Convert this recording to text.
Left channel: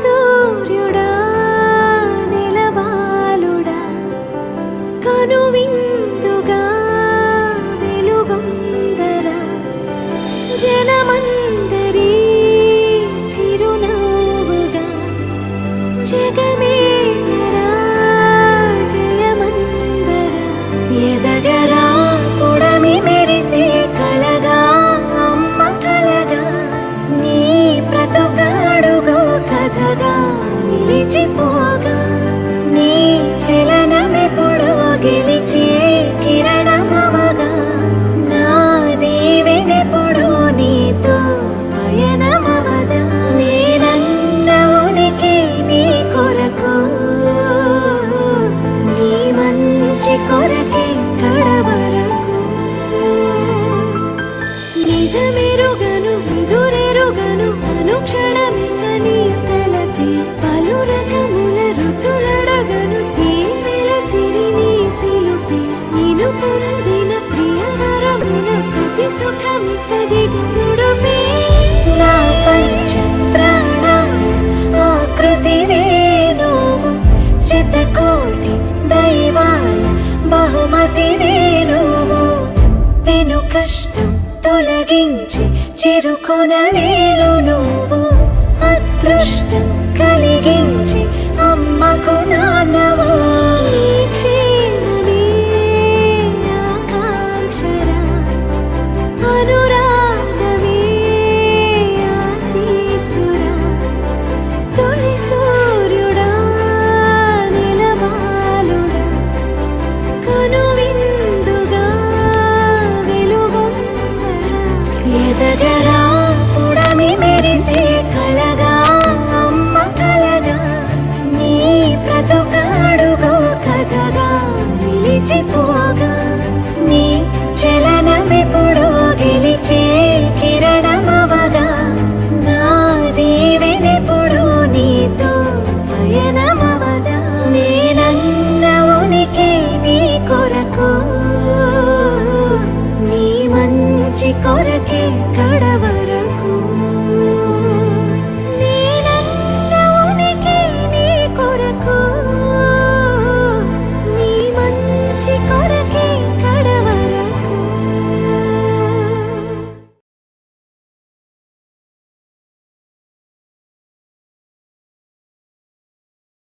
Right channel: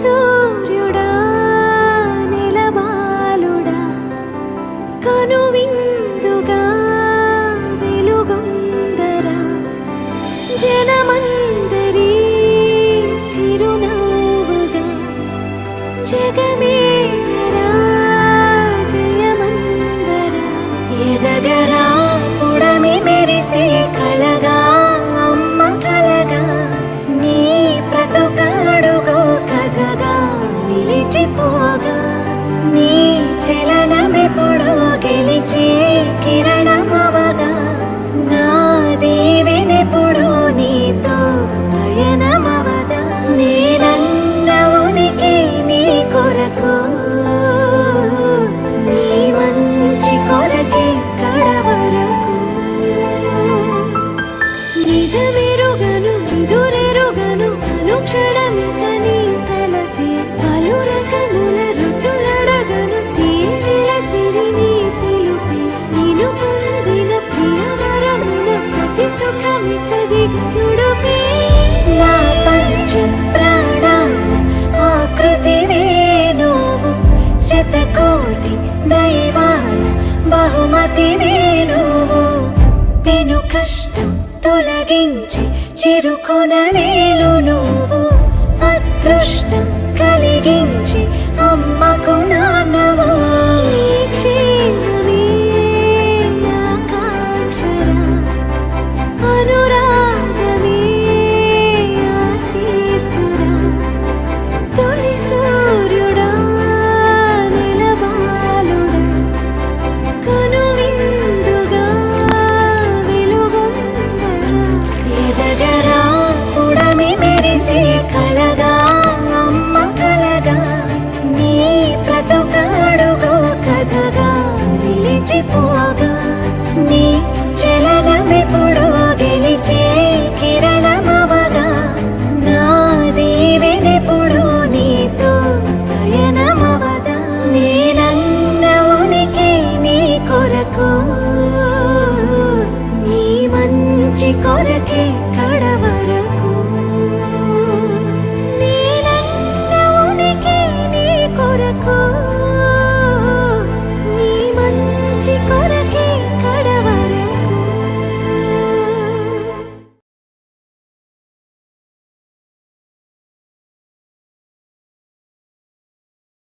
సూర్యుడా నెలబాలుడా కనువిందుగా వెలుగొందరా జనమందరి చిరునవ్వుగా జగమేలరా జయమందరా ఎదగరా పుడమి మెరిసే కళగా అమ్మ కలగా నీ బ్రతుకాడుగో కథగా నిలిచిపోగా నీ చలనమెప్పుడు గెలిచే కిరణమవగా నా దీవెనెప్పుడు నీతో పయనమవదా నేనన్న ఉనికి నీ కొరకు నీ మంచి కొరకే కడవరకు నిజమెరుగను ఎదురెరుగను అనుక్షణమిక నీ తలపే పలు రకముల రుచులడగను తేనెల సిరి నీ పిలుపే నిను పొందిన ప్రియవరమున ప్రతి సుఖమిక దిగదుడుపే నా పంచ ప్రాణాల ఆకృతివే నువ్వు శతకోటి దైవాల బహుమతివే నువ్వు పెను కష్టం తొలగించి చిరుకొన వేలు నువ్వు అదృష్టం